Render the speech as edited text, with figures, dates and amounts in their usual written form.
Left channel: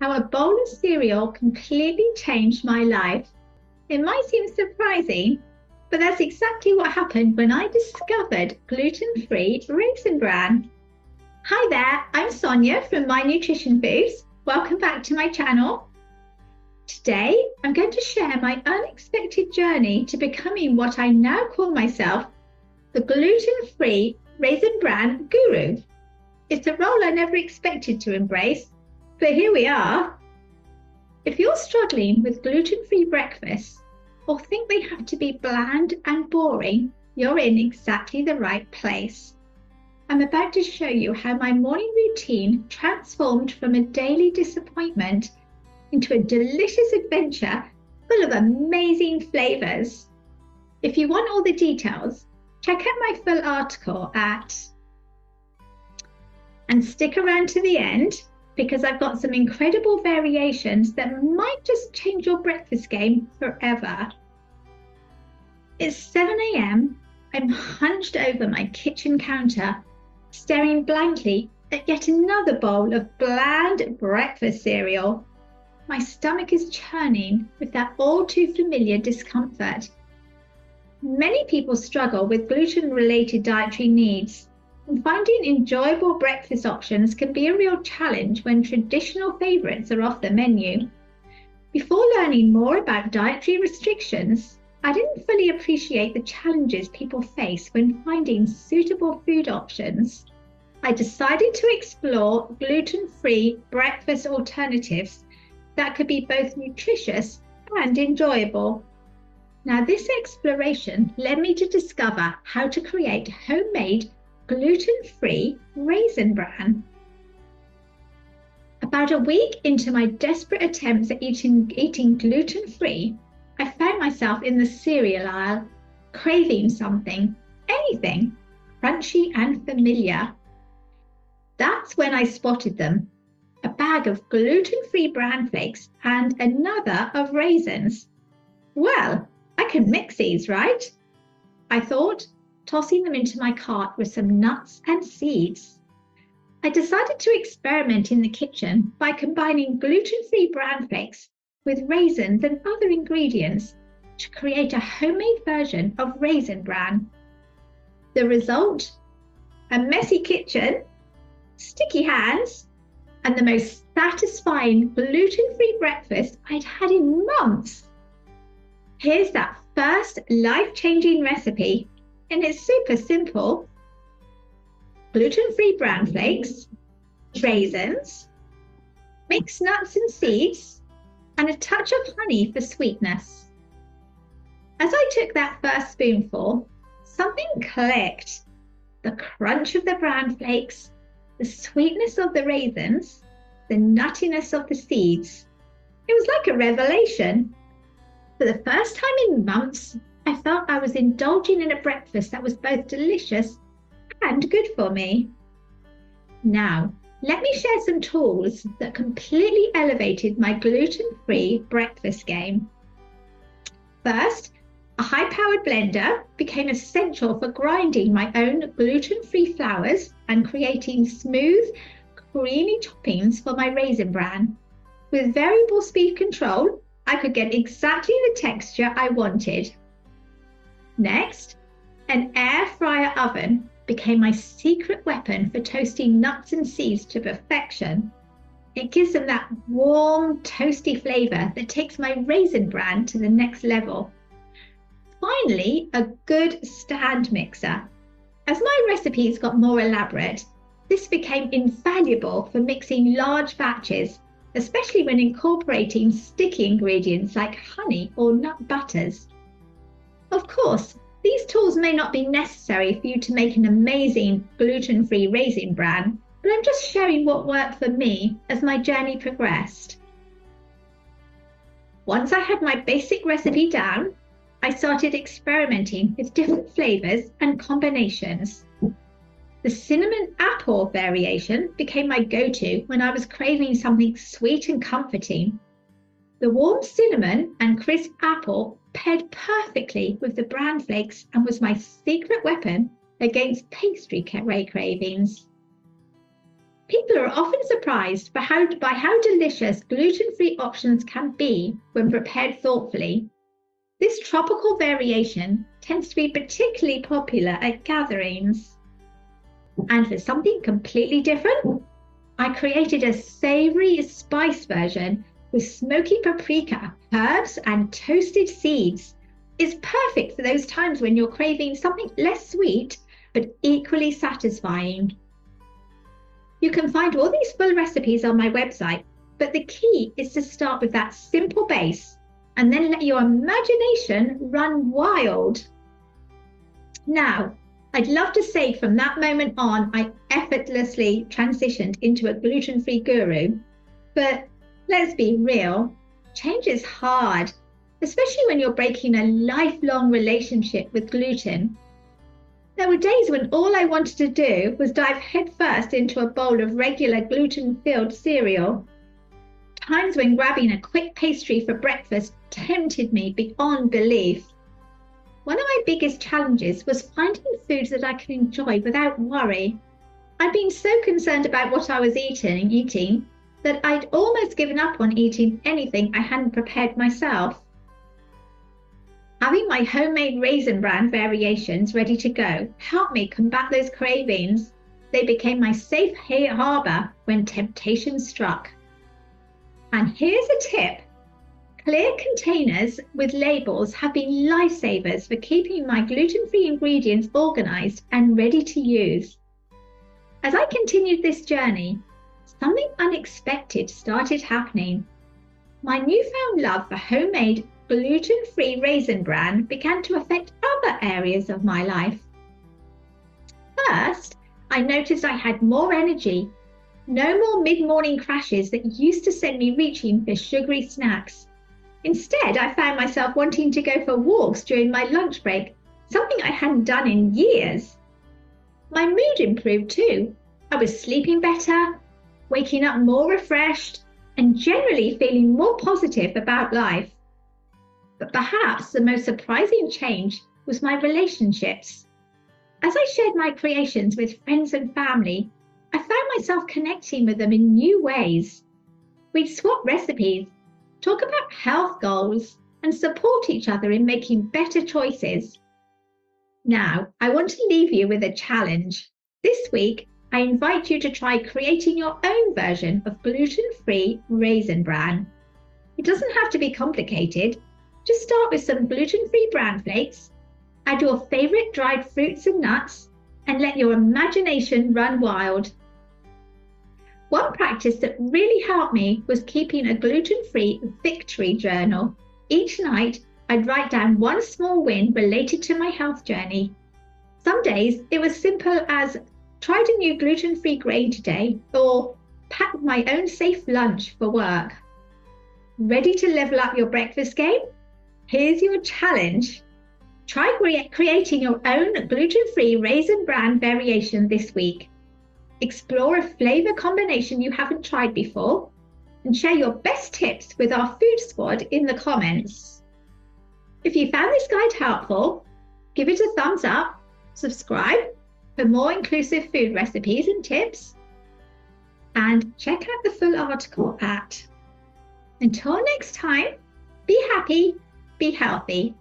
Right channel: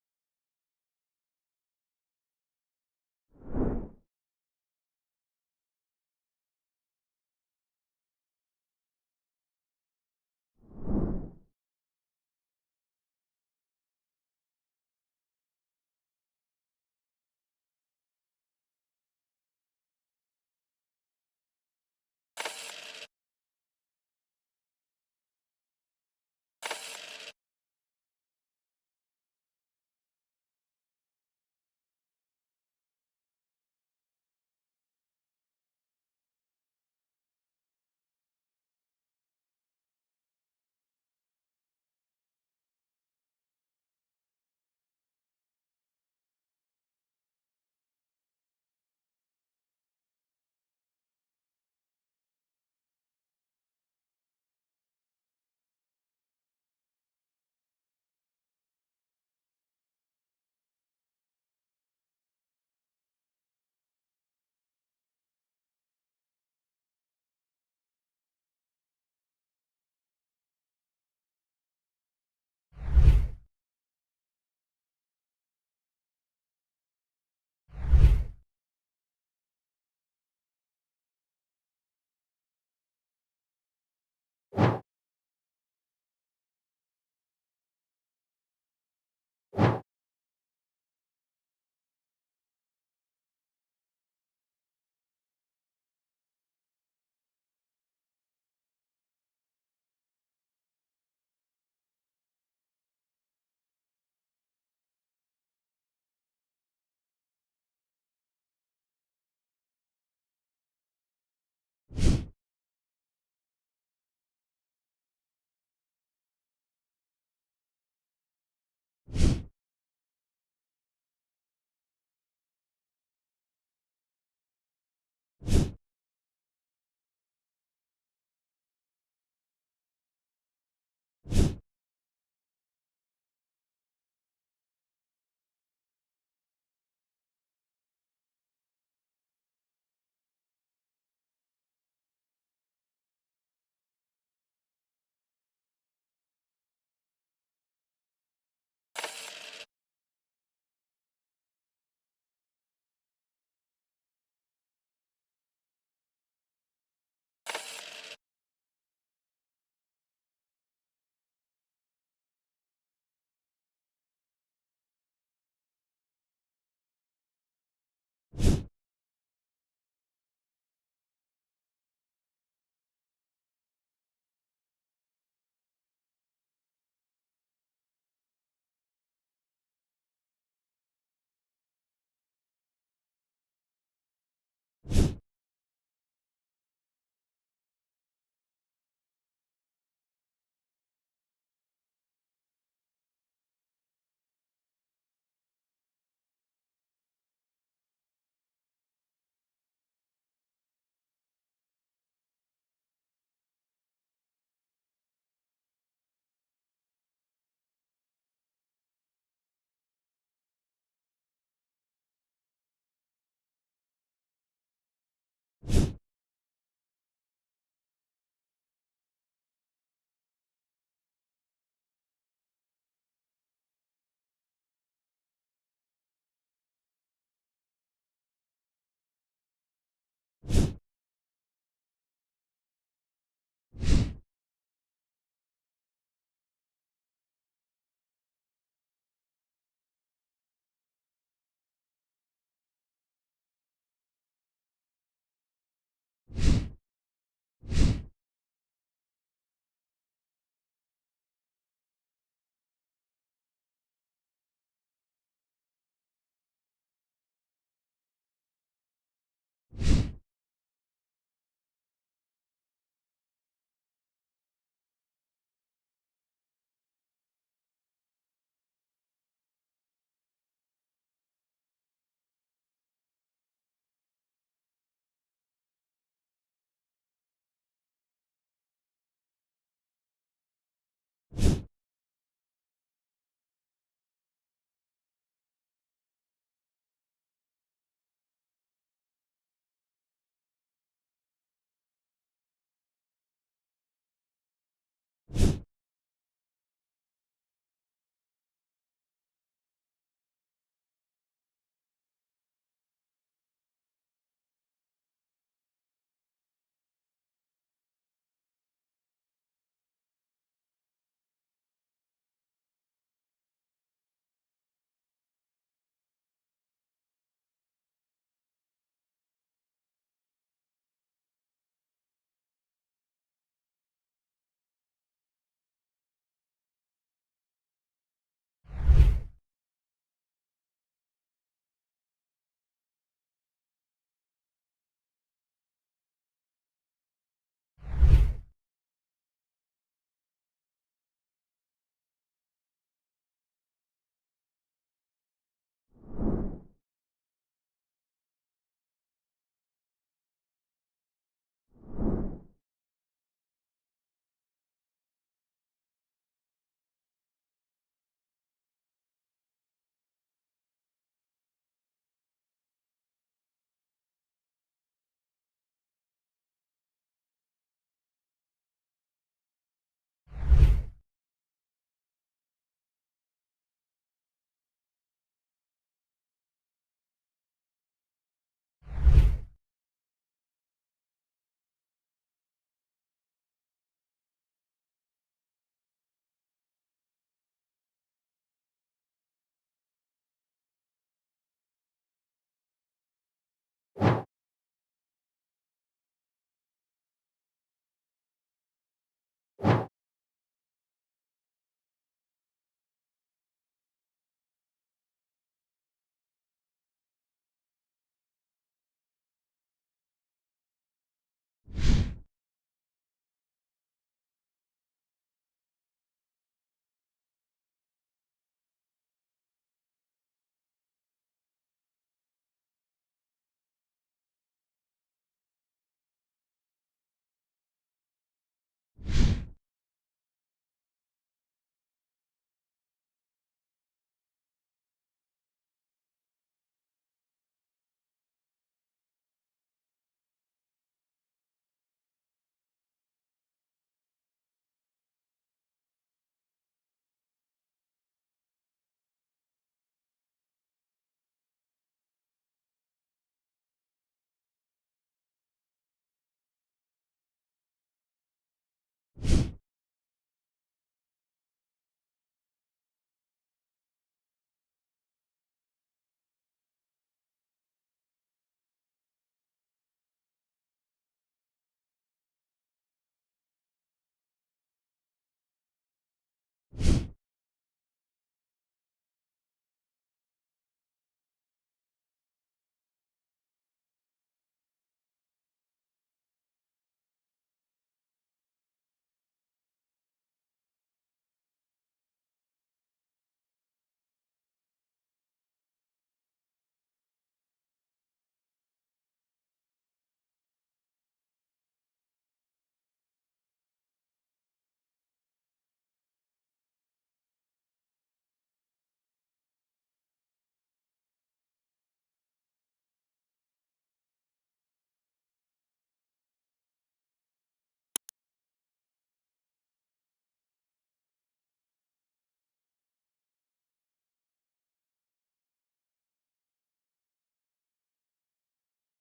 how a bowl of cereal completely changed my life. It might seem surprising, but that's exactly what happened when I discovered gluten-free Raisin Bran. Hi there, I'm Sonia from My Nutrition Foods. Welcome back to my channel. Today, I'm going to share my unexpected journey to becoming what I now call myself, the gluten-free Raisin Bran guru. It's a role I never expected to embrace, but here we are. If you're struggling with gluten-free breakfasts or think they have to be bland and boring, you're in exactly the right place. I'm about to show you how my morning routine transformed from a daily disappointment into a delicious adventure full of amazing flavors. If you want all the details, check out my full article and stick around to the end because I've got some incredible variations that might just change your breakfast game forever. It's 7 a.m. I'm hunched over my kitchen counter, staring blankly at yet another bowl of bland breakfast cereal. My stomach is churning with that all too familiar discomfort. Many people struggle with gluten-related dietary needs, and finding enjoyable breakfast options can be a real challenge when traditional favourites are off the menu. Before learning more about dietary restrictions, I didn't fully appreciate the challenges people face when finding suitable food options. I decided to explore gluten-free breakfast alternatives that could be both nutritious and enjoyable. Now, this exploration led me to discover how to create homemade gluten-free Raisin Bran. About a week into my desperate attempts at eating gluten-free, I found myself in the cereal aisle, craving something, anything, crunchy and familiar. That's when I spotted them, a bag of gluten-free bran flakes and another of raisins. Well, I can mix these, right? I thought, tossing them into my cart with some nuts and seeds. I decided to experiment in the kitchen by combining gluten-free bran flakes with raisins and other ingredients to create a homemade version of Raisin Bran. The result? A messy kitchen, sticky hands, and the most satisfying gluten-free breakfast I'd had in months. Here's that first life-changing recipe, and it's super simple. Gluten-free bran flakes, raisins, mixed nuts and seeds, and a touch of honey for sweetness. As I took that first spoonful, something clicked. The crunch of the bran flakes, the sweetness of the raisins, the nuttiness of the seeds. It was like a revelation. For the first time in months, I felt I was indulging in a breakfast that was both delicious and good for me. Now, let me share some tools that completely elevated my gluten-free breakfast game. First, a high-powered blender became essential for grinding my own gluten-free flours and creating smooth, creamy toppings for my Raisin Bran. With variable speed control, I could get exactly the texture I wanted. Next, an air fryer oven became my secret weapon for toasting nuts and seeds to perfection. It gives them that warm, toasty flavour that takes my Raisin Bran to the next level. Finally, a good stand mixer. As my recipes got more elaborate, this became invaluable for mixing large batches, especially when incorporating sticky ingredients like honey or nut butters. Of course, these tools may not be necessary for you to make an amazing gluten-free Raisin Bran, but I'm just sharing what worked for me as my journey progressed. Once I had my basic recipe down, I started experimenting with different flavours and combinations. The cinnamon apple variation became my go-to when I was craving something sweet and comforting. The warm cinnamon and crisp apple paired perfectly with the bran flakes and was my secret weapon against pastry cravings. People are often surprised by how delicious gluten-free options can be when prepared thoughtfully. This tropical variation tends to be particularly popular at gatherings. And for something completely different, I created a savory spice version with smoky paprika, herbs, and toasted seeds. It's perfect for those times when you're craving something less sweet but equally satisfying. You can find all these full recipes on my website, but the key is to start with that simple base and then let your imagination run wild. Now, I'd love to say from that moment on, I effortlessly transitioned into a gluten-free guru. But let's be real, change is hard, especially when you're breaking a lifelong relationship with gluten. There were days when all I wanted to do was dive headfirst into a bowl of regular gluten-filled cereal. Times when grabbing a quick pastry for breakfast tempted me beyond belief. One of my biggest challenges was finding foods that I can enjoy without worry. I'd been so concerned about what I was eating that I'd almost given up on eating anything I hadn't prepared myself. Having my homemade Raisin Bran variations ready to go helped me combat those cravings. They became my safe harbor when temptation struck. And here's a tip. Clear containers with labels have been lifesavers for keeping my gluten-free ingredients organized and ready to use. As I continued this journey, something unexpected started happening. My newfound love for homemade gluten-free Raisin Bran began to affect other areas of my life. First, I noticed I had more energy. No more mid-morning crashes that used to send me reaching for sugary snacks. Instead, I found myself wanting to go for walks during my lunch break, something I hadn't done in years. My mood improved too. I was sleeping better, waking up more refreshed, and generally feeling more positive about life. But perhaps the most surprising change was my relationships. As I shared my creations with friends and family, I found myself connecting with them in new ways. We'd swap recipes, talk about health goals, and support each other in making better choices. Now, I want to leave you with a challenge. This week, I invite you to try creating your own version of gluten-free Raisin Bran. It doesn't have to be complicated. Just start with some gluten-free bran flakes, add your favorite dried fruits and nuts, and let your imagination run wild. One practice that really helped me was keeping a gluten-free victory journal. Each night, I'd write down one small win related to my health journey. Some days, it was simple as tried a new gluten-free grain today, or packed my own safe lunch for work. Ready to level up your breakfast game? Here's your challenge. Try creating your own gluten-free Raisin Bran variation this week. Explore a flavor combination you haven't tried before, and share your best tips with our food squad in the comments. If you found this guide helpful, give it a thumbs up, subscribe for more inclusive food recipes and tips, and check out the full article at. Until next time, be happy, be healthy.